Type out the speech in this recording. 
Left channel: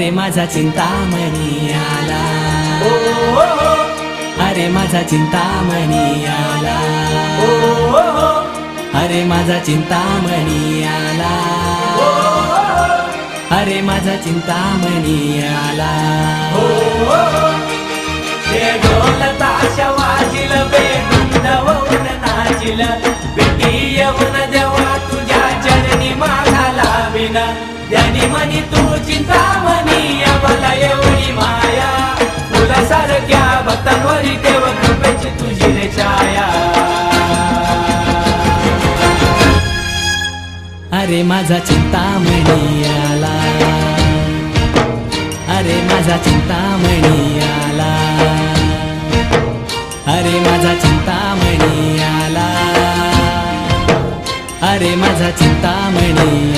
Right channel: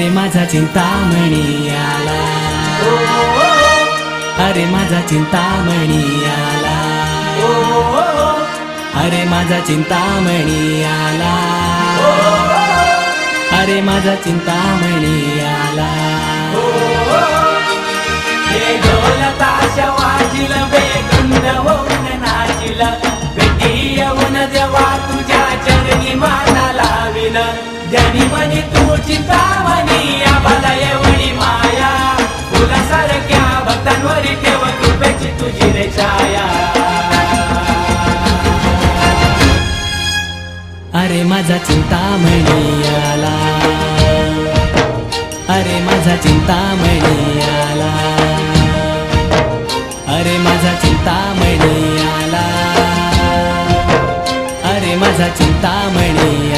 अरे माझा चिंतामणी आला, अरे माझा चिंतामणी आला, अरे माझा चिंतामणी आला, अरे माझा चिंतामणी आला. ढोल ताश वाजिल बेधुंद होऊन नाचिल, भेटी येऊन जेव्हा तुझ्या चरणी माझा लाविल, ध्यानी मनी तू चिंतामणी आम्हाला एवढी माया, फुलासारख्या भक्तांवरी ठेव कृपेची तुझी रे छाया. अरे माझा चिंतामणी आला, अरे माझा चिंतामणी आला, अरे माझा चिंतामणी आला, अरे माझा चिंतामणी